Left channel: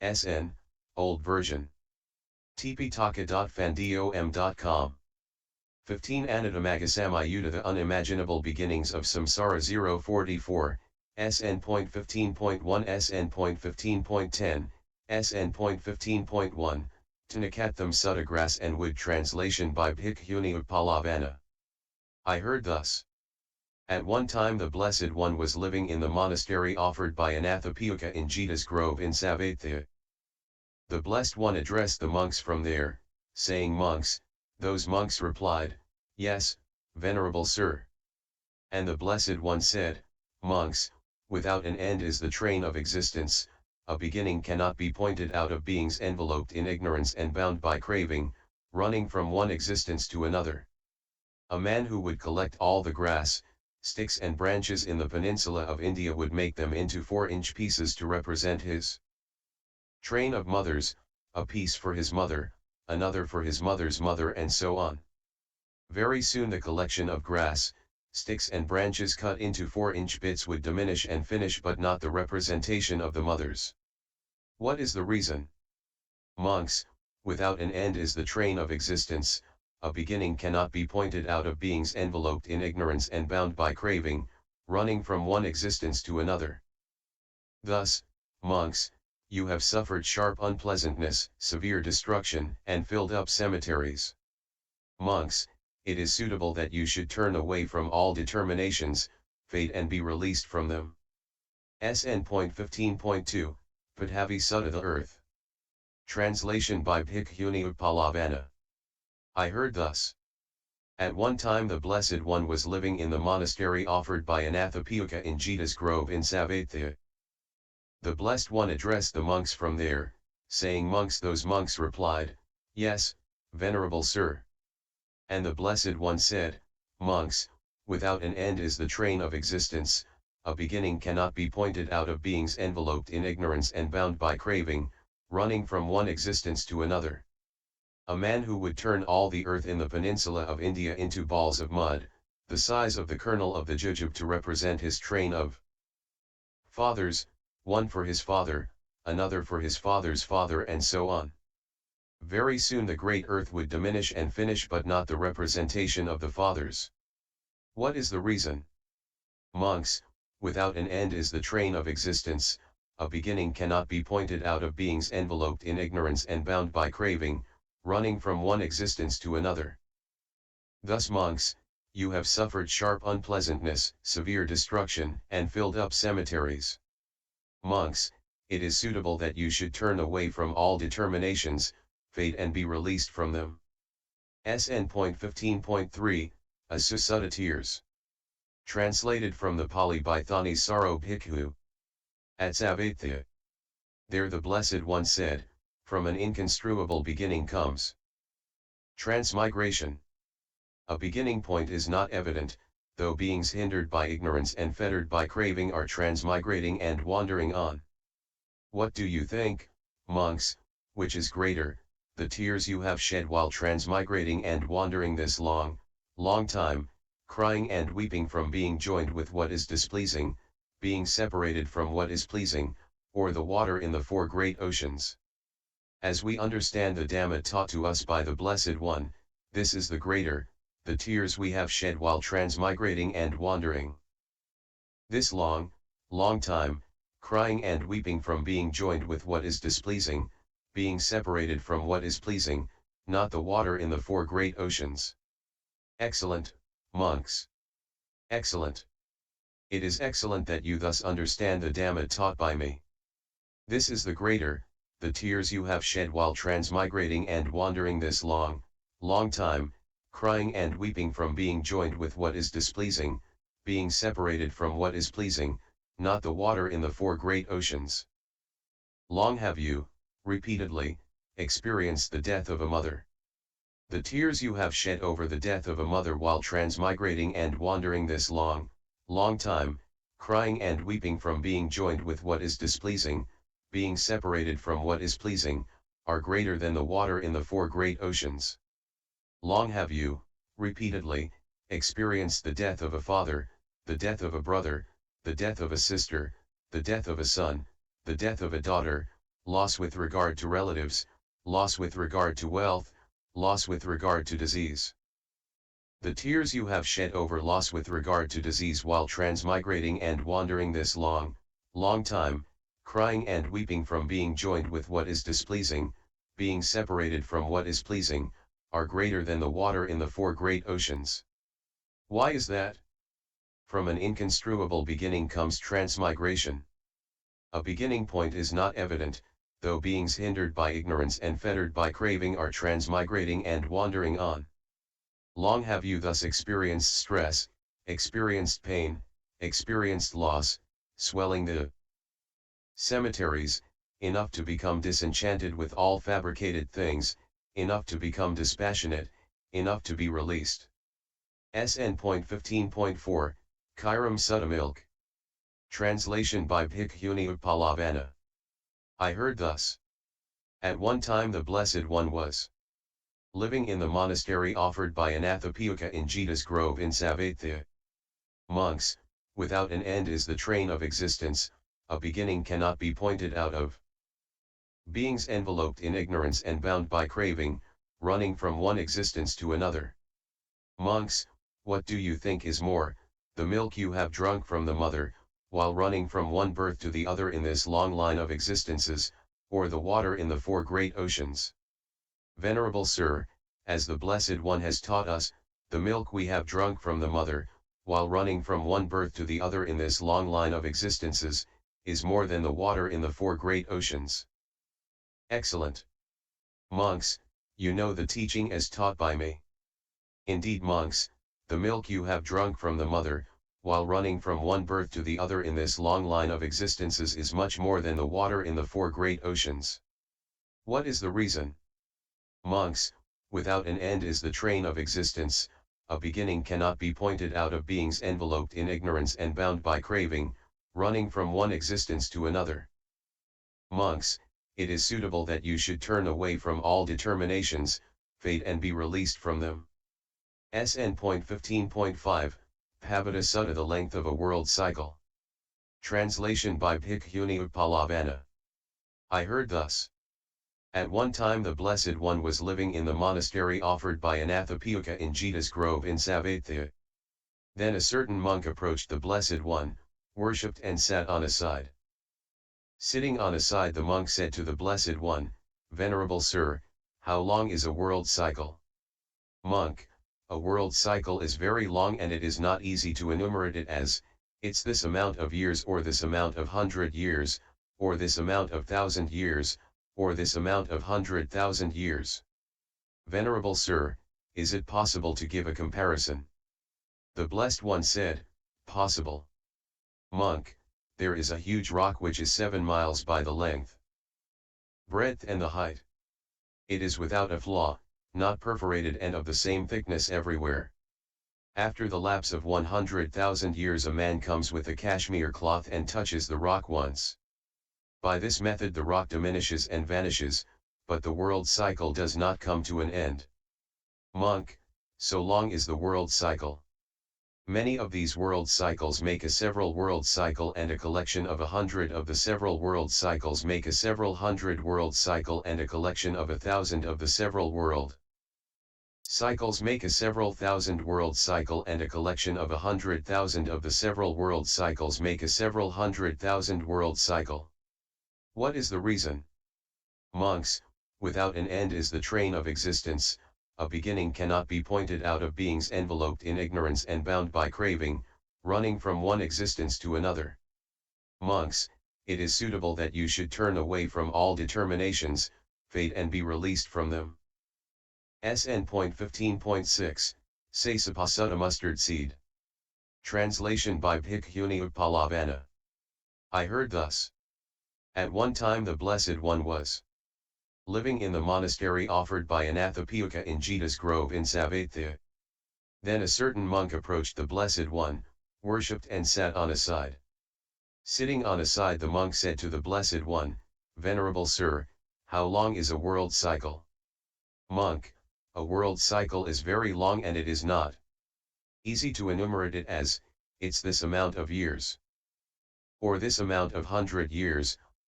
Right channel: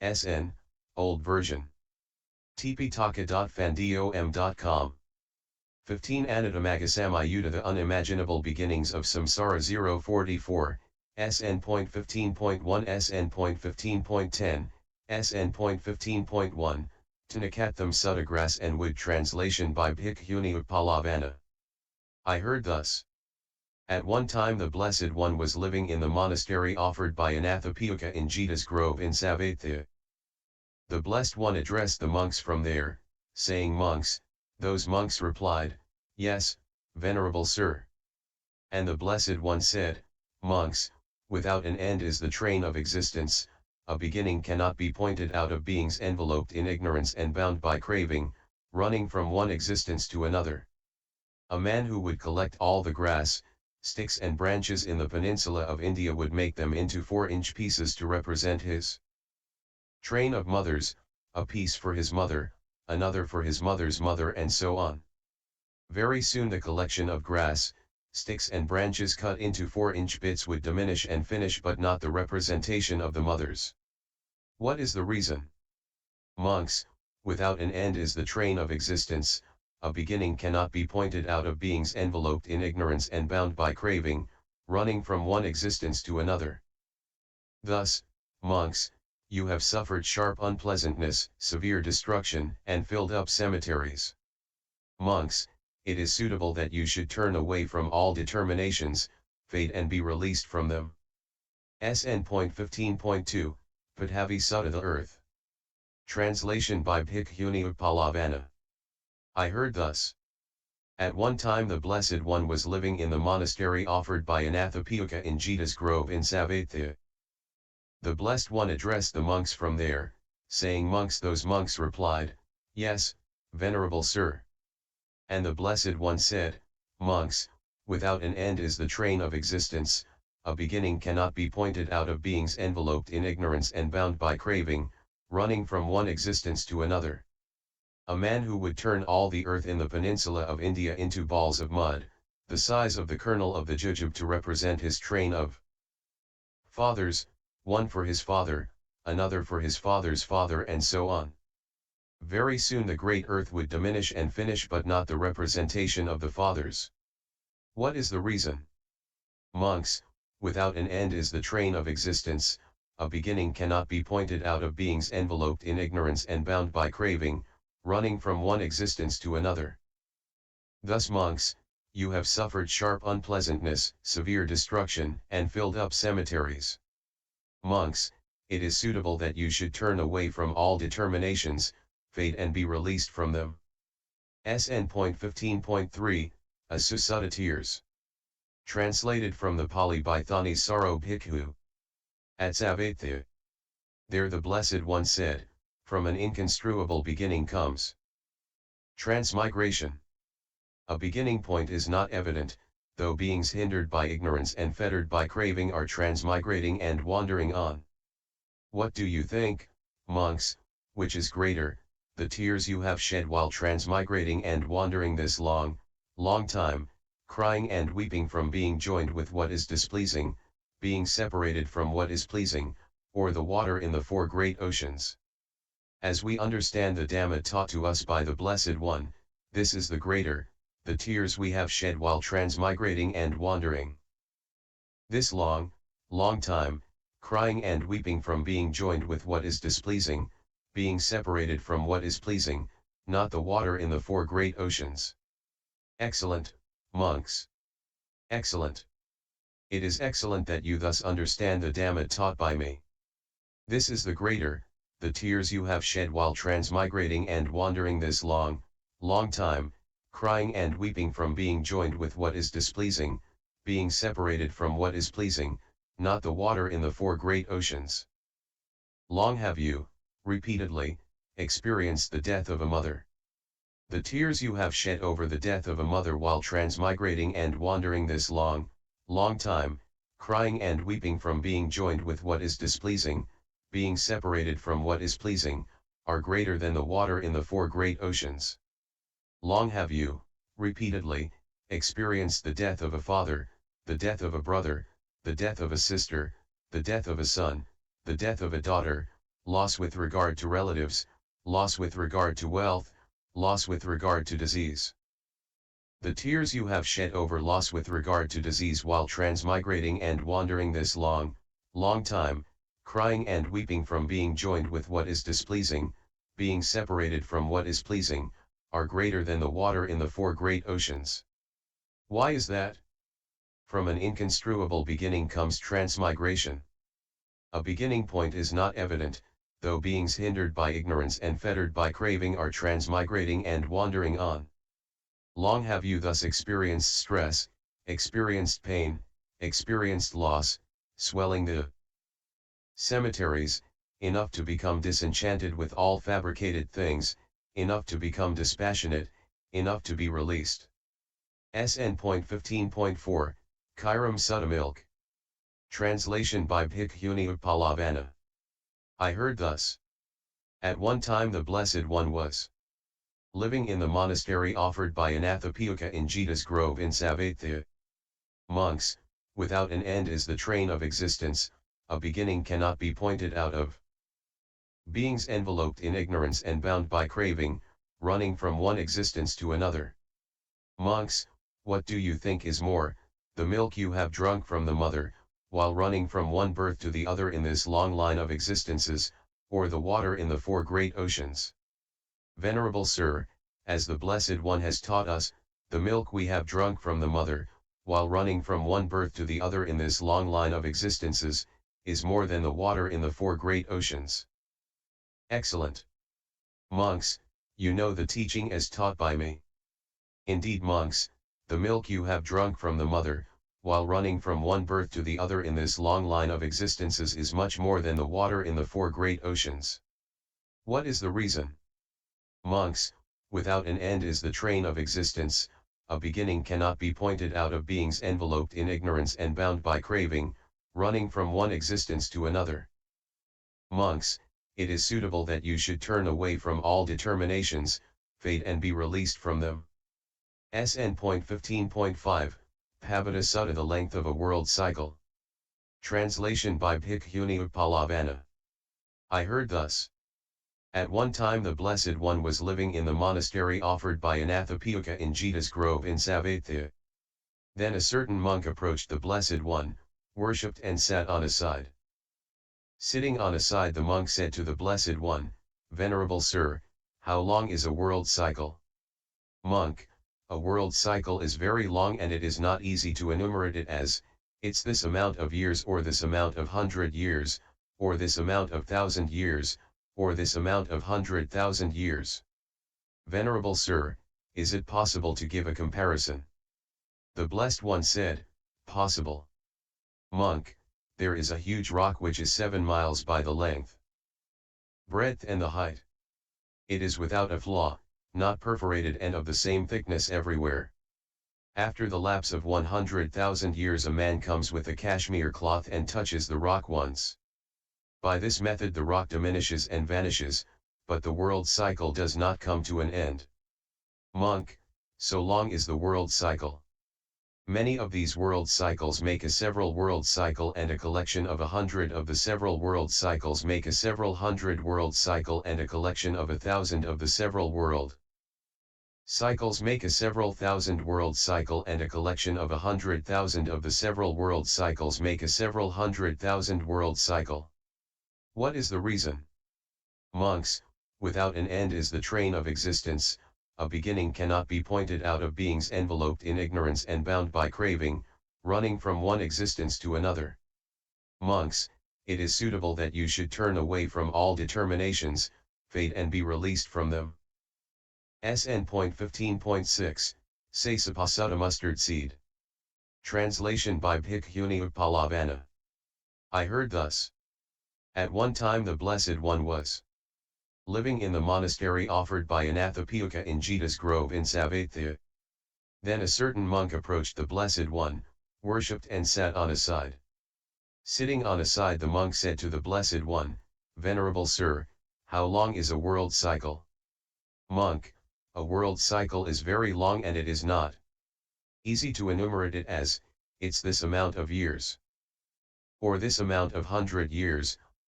SN, Old Version. Tipitaka.fandom.com. 15 Anathapiõóika Samyutta The Unimaginable Beginnings of Samsara 044, SN.15.1 SN.15.10, SN.15.1, Tinakattham Sutta-Grass and Wood Translation by Bhikkhuni Uppalavanna. I heard thus. At one time the Blessed One was living in the monastery offered by Anathapiõóika in Jeta's grove in Savatthi. The Blessed One addressed the monks from there, saying, "Monks." Those monks replied, "Yes, venerable sir." And the Blessed One said, "Monks, without an end is the train of existence, a beginning cannot be pointed out of beings enveloped in ignorance and bound by craving, running from one existence to another. A man who would collect all the grass, sticks and branches in the peninsula of India would make them into 4-inch pieces to represent his train of mothers, a piece for his mother, another for his mother's mother, and so on. Very soon the collection of grass, sticks and branches cut into 4-inch bits would diminish and finish, but not the representation of the mothers. What is the reason? Monks, without an end is the train of existence, a beginning cannot be pointed out of beings enveloped in ignorance and bound by craving, running from one existence to another. Thus, monks, you have suffered sharp unpleasantness, severe destruction, and filled up cemeteries. Monks, it is suitable that you should turn away from all determinations, fate, and be released from them. SN.15.2, Padhavi Sutta The Earth. Translation by Bhikkhuni Uppalavanna. I heard thus. At one time the Blessed One was living in the monastery offered by Anathapiõóika in Jeta's grove in Savatthi. The Blessed One addressed the monks from there, saying, "Monks." Those monks replied, "Yes, venerable sir." And the Blessed One said, "Monks, without an end is the train of existence, a beginning cannot be pointed out of beings enveloped in ignorance and bound by craving, running from one existence to another. A man who would turn all the earth in the peninsula of India into balls of mud, the size of the kernel of the jujube, to represent his train of fathers, one for his father, another for his father's father, and so on. Very soon the great earth would diminish and finish, but not the representation of the fathers. What is the reason? Monks, without an end is the train of existence, a beginning cannot be pointed out of beings enveloped in ignorance and bound by craving, running from one existence to another. Thus, monks, you have suffered sharp unpleasantness, severe destruction, and filled up cemeteries. Monks, it is suitable that you should turn away from all determinations, fate, and be released from them. SN.15.3, Sutta Tears. Translated from the Pali by Thani Saro Bhikkhu. At Savatthi. There the Blessed One said, "From an inconstruable beginning comes transmigration. A beginning point is not evident, though beings hindered by ignorance and fettered by craving are transmigrating and wandering on. What do you think, monks, which is greater, the tears you have shed while transmigrating and wandering this long, long time, crying and weeping from being joined with what is displeasing, being separated from what is pleasing, or the water in the 4 great oceans? As we understand the Dhamma taught to us by the Blessed One, this is the greater, the tears we have shed while transmigrating and wandering. This long, long time, crying and weeping from being joined with what is displeasing, being separated from what is pleasing, not the water in the 4 great oceans. Excellent, monks. Excellent. It is excellent that you thus understand the Dhamma taught by me. This is the greater, the tears you have shed while transmigrating and wandering this long, long time, crying and weeping from being joined with what is displeasing, being separated from what is pleasing, not the water in the 4 great oceans. Long have you, repeatedly, experienced the death of a mother. The tears you have shed over the death of a mother while transmigrating and wandering this long, long time, crying and weeping from being joined with what is displeasing, being separated from what is pleasing, are greater than the water in the 4 great oceans. Long have you, repeatedly, experienced the death of a father, the death of a brother, the death of a sister, the death of a son, the death of a daughter, loss with regard to relatives, loss with regard to wealth, loss with regard to disease. The tears you have shed over loss with regard to disease while transmigrating and wandering this long time, crying and weeping from being joined with what is displeasing, being separated from what is pleasing, are greater than the water in the four great oceans. Why is that? From an inconstruable beginning comes transmigration. A beginning point is not evident, though beings hindered by ignorance and fettered by craving are transmigrating and wandering on. Long have you thus experienced stress, experienced pain, experienced loss, swelling the cemeteries, enough to become disenchanted with all fabricated things, enough to become dispassionate, enough to be released. SN.15.4, Kairam Sutta Milk. Translation by Bhikkhuni Uppalavanna. I heard thus. At one time the Blessed One was living in the monastery offered by Anathapiõóika in Jeta's grove in Savatthi. Monks, without an end is the train of existence, a beginning cannot be pointed out of. Beings enveloped in ignorance and bound by craving, running from one existence to another. Monks, what do you think is more, the milk you have drunk from the mother, while running from one birth to the other in this long line of existences, or the water in the four great oceans? Venerable Sir, as the Blessed One has taught us, the milk we have drunk from the mother, while running from one birth to the other in this long line of existences, is more than the water in the four great oceans. Excellent. Monks, you know the teaching as taught by me. Indeed, monks, the milk you have drunk from the mother, while running from one birth to the other in this long line of existences is much more than the water in the four great oceans. What is the reason? Monks, without an end is the train of existence, a beginning cannot be pointed out of beings enveloped in ignorance and bound by craving, running from one existence to another. Monks, it is suitable that you should turn away from all determinations, fate and be released from them. SN.15.5, Pavada Sutta, the length of a world cycle. Translation by Bhikkhuni Uppalavanna. I heard thus. At one time the Blessed One was living in the monastery offered by Anathapiõóika in Jeta's grove in Savatthi. Then a certain monk approached the Blessed One, worshipped and sat on a side. Sitting on a side, the monk said to the Blessed One, Venerable Sir, how long is a world cycle? Monk, a world cycle is very long and it is not easy to enumerate it as, it's this amount of years or this amount of 100 years, or this amount of 1,000 years, or this amount of 100,000 years. Venerable Sir, is it possible to give a comparison? The Blessed One said, possible. Monk, there is a huge rock which is 7 miles by the length, breadth and the height. It is without a flaw, not perforated and of the same thickness everywhere. After the lapse of 100,000 years a man comes with a cashmere cloth and touches the rock once. By this method the rock diminishes and vanishes, but the world cycle does not come to an end. Monk, so long is the world cycle. Many of these world cycles make a several world cycle, and a collection of 100 of the several world cycles make a several hundred world cycle, and a collection of 1,000 of the several world cycles make a several thousand world cycle, and a collection of 100,000 of the several world cycles make a several 100,000 world cycle. What is the reason? Monks, without an end is the train of existence, a beginning cannot be pointed out of beings enveloped in ignorance and bound by craving, running from one existence to another. Monks, it is suitable that you should turn away from all determinations, fate and be released from them. SN.15.6, Sasapa Sutta Mustard Seed. Translation by Bhikkhuni Uppalavanna. I heard thus. At one time the Blessed One was living in the monastery offered by Anathapiõóika in Jeta's grove in Savatthi. Then a certain monk approached the Blessed One, worshipped and sat on a side. Sitting on a side the monk said to the Blessed One, Venerable Sir, how long is a world cycle? Monk, a world cycle is very long and it is not easy to enumerate it as, it's this amount of years, or this amount of 100 years,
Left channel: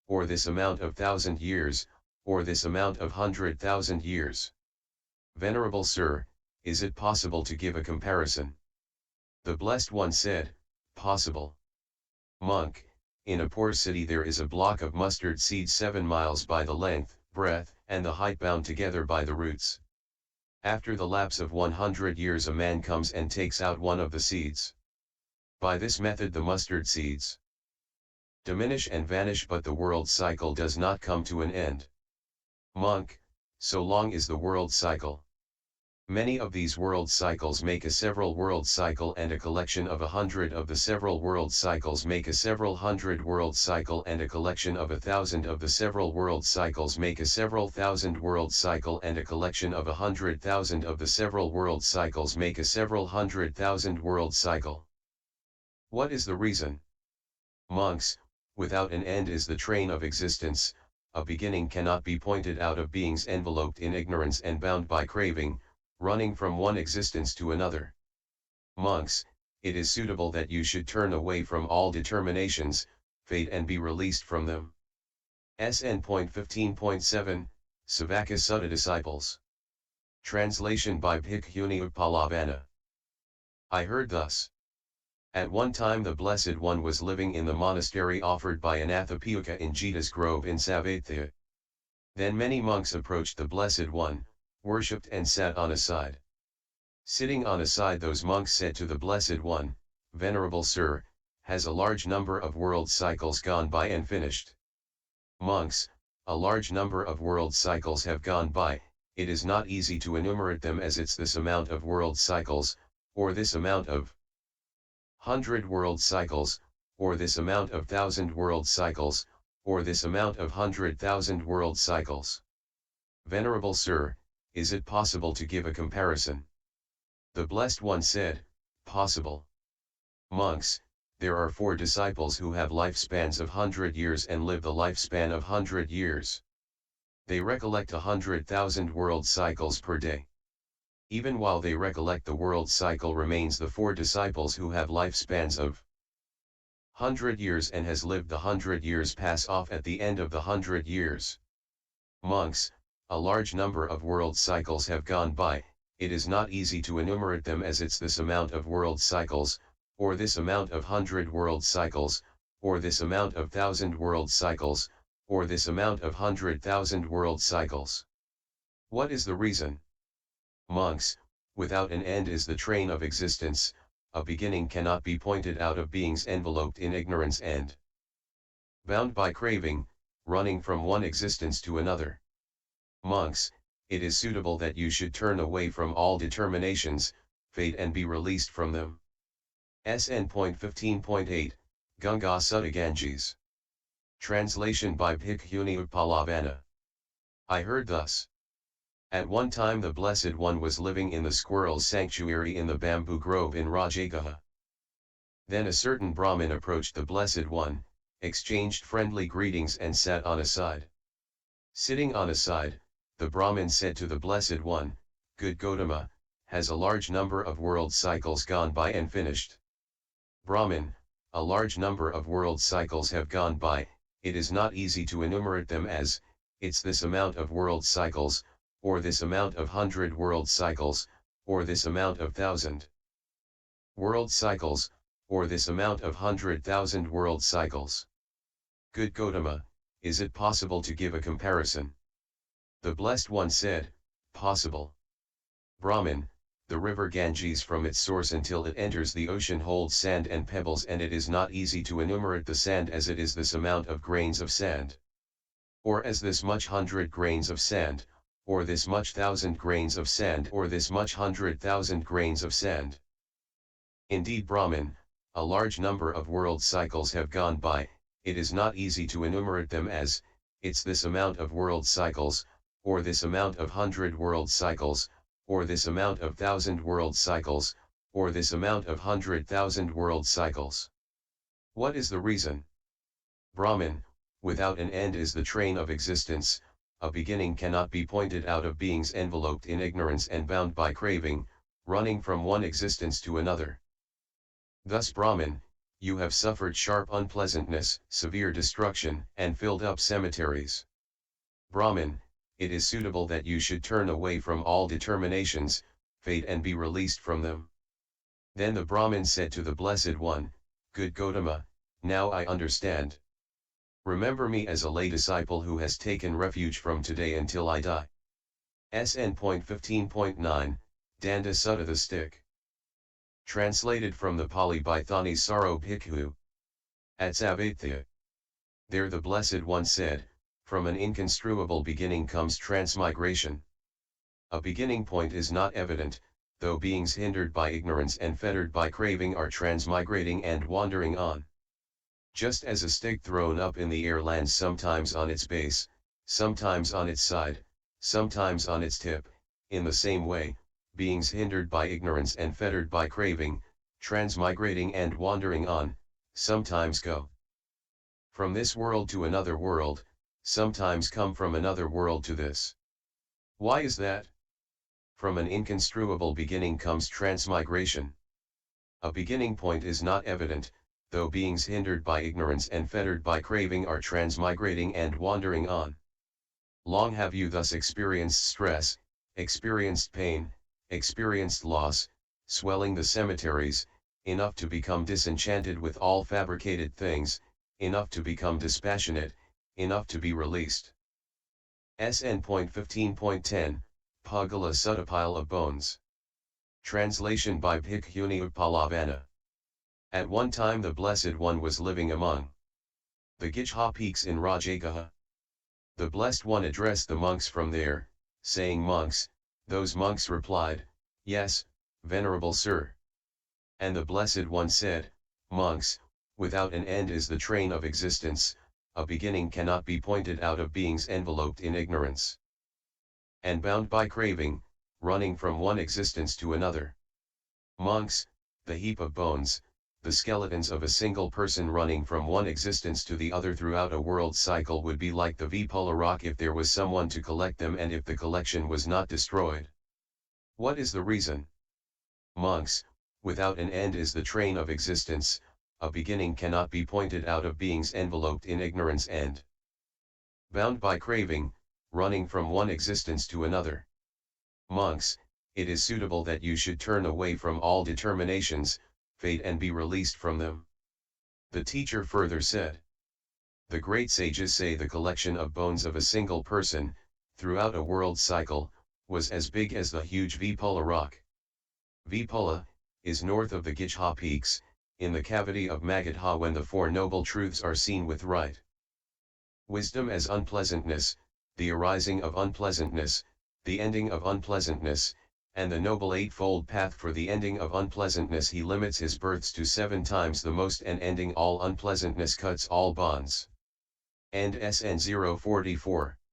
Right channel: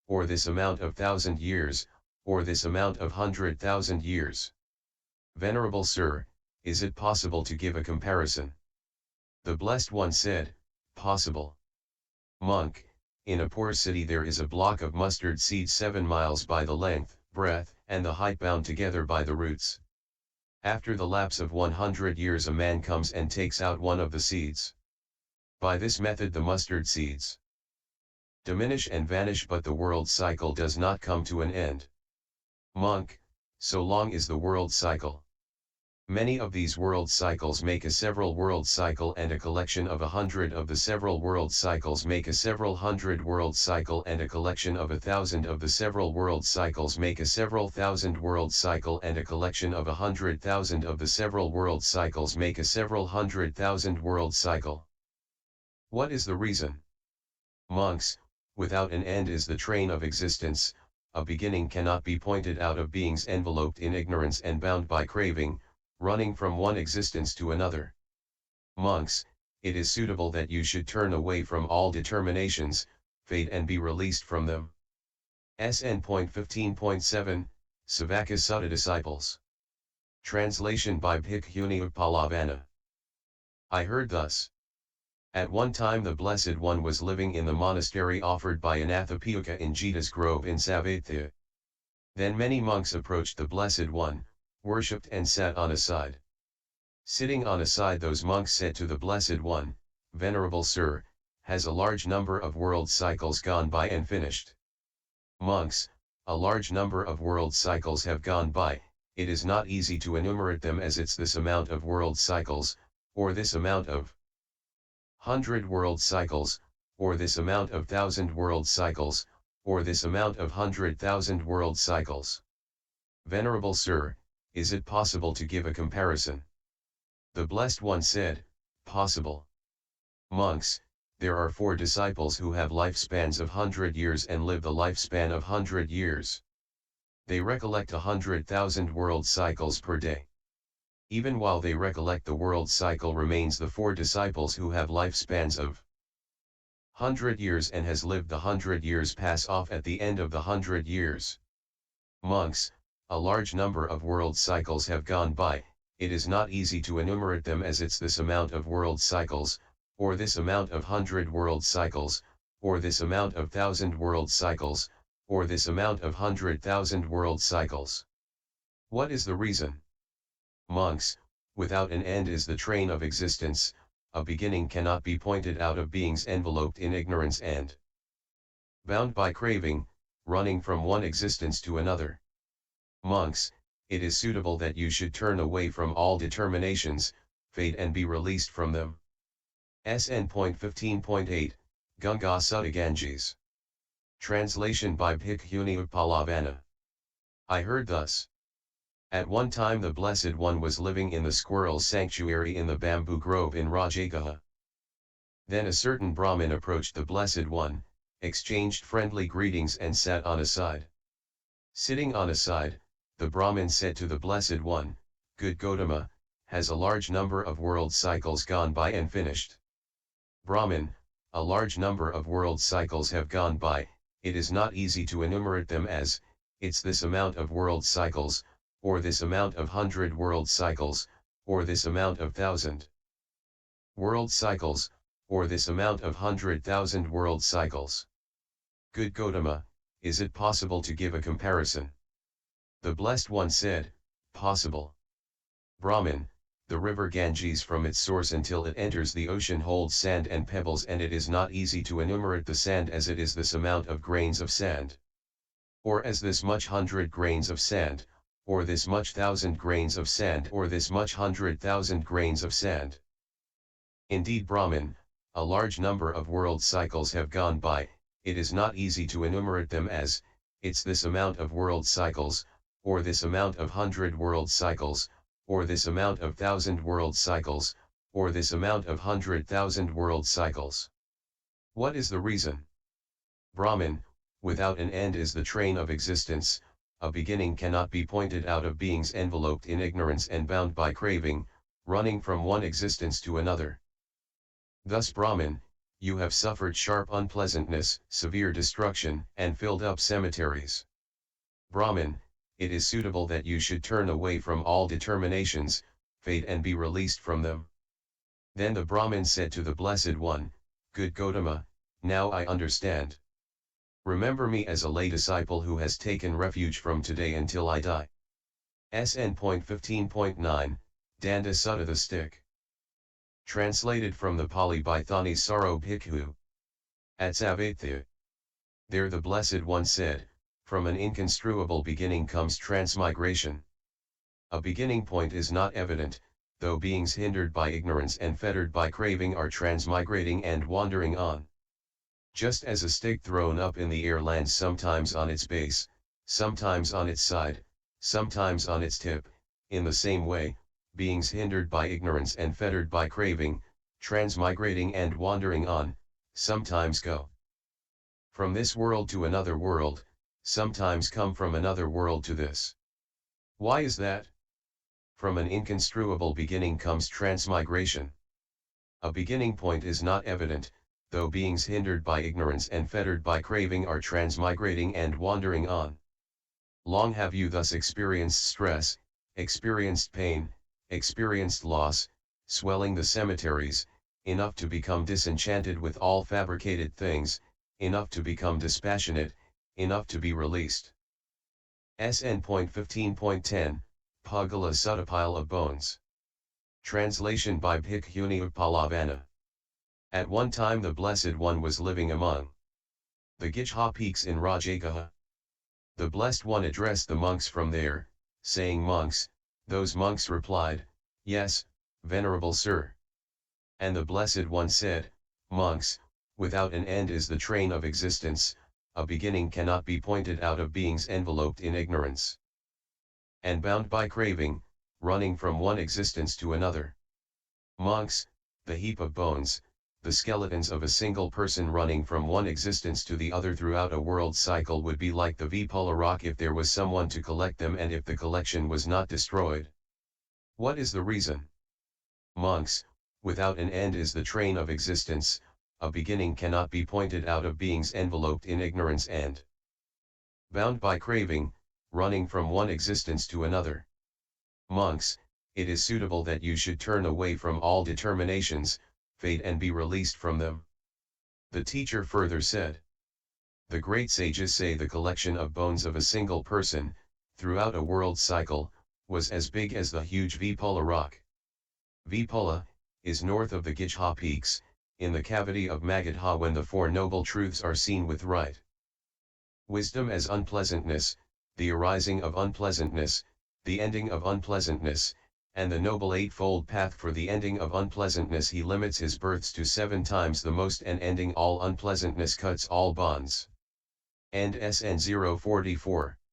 or this amount of 1,000 years, or this amount of 100,000 years. Venerable Sir, is it possible to give a comparison? The Blessed One said, possible. Monk, in a poor city there is a block of mustard seed 7 miles by the length, breadth, and the height bound together by the roots. After the lapse of 100 years a man comes and takes out one of the seeds. By this method the mustard seeds diminish and vanish, but the world cycle does not come to an end. Monk, so long is the world cycle. Many of these world cycles make a several world cycle, and a collection of 100 of the several world cycles make a several hundred world cycle, and a collection of 1,000 of the several world cycles make a several thousand world cycle, and a collection of 100,000 of the several world cycles make a several 100,000 world cycle. What is the reason? Monks, without an end is the train of existence, a beginning cannot be pointed out of beings enveloped in ignorance and bound by craving, running from one existence to another. Monks, it is suitable that you should turn away from all determinations, fate, and be released from them. SN.15.7, Savatthi Sutta Disciples. Translation by Bhikkhuni Uppalavanna. I heard thus. At one time the Blessed One was living in the monastery offered by Anathapiõóika in Jeta's grove in Savatthi. Then many monks approached the Blessed One, worshipped and sat on a side. Sitting on a side those monks said to the Blessed One, Venerable Sir, has a large number of world cycles gone by and finished? Monks, a large number of world cycles have gone by, it is not easy to enumerate them, as it's this amount of world cycles, or this amount of 100 world cycles, or this amount of 1,000 world cycles, or this amount of 100,000 world cycles. Venerable Sir, is it possible to give a comparison? The Blessed One said, possible. Monks, there are 4 disciples who have lifespans of 100 years and live the lifespan of 100 years. They recollect 100,000 world cycles per day. Even while they recollect, the world cycle remains. The 4 disciples who have lifespans of 100 years and has lived the 100 years pass off at the end of the 100 years. Monks, a large number of world cycles have gone by, it is not easy to enumerate them, as it's this amount of world cycles, or this amount of 100 world cycles, or this amount of 1,000 world cycles, or this amount of 100,000 world cycles. What is the reason? Monks, without an end is the train of existence, a beginning cannot be pointed out of beings enveloped in ignorance and bound by craving, running from one existence to another. Monks, it is suitable that you should turn away from all determinations, fate, and be released from them. SN.15.8, Gunga Sutta Ganges. Translation by Bhikkhuni Uppalavanna. I heard thus. At one time the Blessed One was living in the squirrel's sanctuary in the bamboo grove in Rajagaha. Then a certain Brahmin approached the Blessed One, exchanged friendly greetings, and sat on a side. Sitting on a side, the Brahmin said to the Blessed One, Good Gautama, has a large number of world cycles gone by and finished? Brahmin, a large number of world cycles have gone by, it is not easy to enumerate them, as it's this amount of world cycles, or this amount of 100 world cycles, or this amount of 1,000 world cycles, or this amount of 100,000 world cycles. Good Gautama, is it possible to give a comparison? The Blessed One said, possible. Brahmin, the river Ganges from its source until it enters the ocean holds sand and pebbles, and it is not easy to enumerate the sand, as it is this amount of grains of sand, or as this much 100 grains of sand, or this much 1,000 grains of sand, or this much 100,000 grains of sand. Indeed, Brahmin, a large number of world cycles have gone by, it is not easy to enumerate them, as it's this amount of world cycles, or this amount of 100 world cycles, or this amount of 1,000 world cycles, or this amount of 100,000 world cycles. What is the reason? Brahmin, without an end is the train of existence, a beginning cannot be pointed out of beings enveloped in ignorance and bound by craving, running from one existence to another. Thus Brahmin, you have suffered sharp unpleasantness, severe destruction, and filled up cemeteries. Brahmin, it is suitable that you should turn away from all determinations, fate, and be released from them. Then the Brahmin said to the Blessed One, Good Gotama, now I understand. Remember me as a lay disciple who has taken refuge from today until I die. SN.15.9, Danda Sutta the Stick. Translated from the Pali by Thanissaro Bhikkhu. At Savatthi. There the Blessed One said, from an inconstruable beginning comes transmigration. A beginning point is not evident, though beings hindered by ignorance and fettered by craving are transmigrating and wandering on. Just as a stick thrown up in the air lands sometimes on its base, sometimes on its side, sometimes on its tip, in the same way, beings hindered by ignorance and fettered by craving, transmigrating and wandering on, sometimes go from this world to another world, sometimes come from another world to this. Why is that? From an inconstruable beginning comes transmigration. A beginning point is not evident, though beings hindered by ignorance and fettered by craving are transmigrating and wandering on. Long have you thus experienced stress, experienced pain, experienced loss, swelling the cemeteries, enough to become disenchanted with all fabricated things, enough to become dispassionate, enough to be released. SN.15.10, Pagala Sutta Pile of Bones. Translation by Bhikkhuni Uppalavanna. At one time the Blessed One was living among the Jeta peaks in Rajagaha. The Blessed One addressed the monks from there, saying, Monks. Those monks replied, Yes, venerable sir. And the Blessed One said, Monks, without an end is the train of existence, a beginning cannot be pointed out of beings enveloped in ignorance and bound by craving, running from one existence to another. Monks, the heap of bones, the skeletons of a single person running from one existence to the other throughout a world cycle would be like the Vipulla rock if there was someone to collect them and if the collection was not destroyed. What is the reason? Monks, without an end is the train of existence, a beginning cannot be pointed out of beings enveloped in ignorance and bound by craving, running from one existence to another. Monks, it is suitable that you should turn away from all determinations, fate, and be released from them. The teacher further said, the great sages say the collection of bones of a single person, throughout a world cycle, was as big as the huge Vipulla rock. Vipulla is north of the Jeta peaks, in the cavity of Magadha when the Four Noble Truths are seen with right wisdom as unpleasantness, the arising of unpleasantness, the ending of unpleasantness, and the Noble Eightfold Path for the ending of unpleasantness. He limits his births to 7 times the most, and ending all unpleasantness cuts all bonds. End SN.044.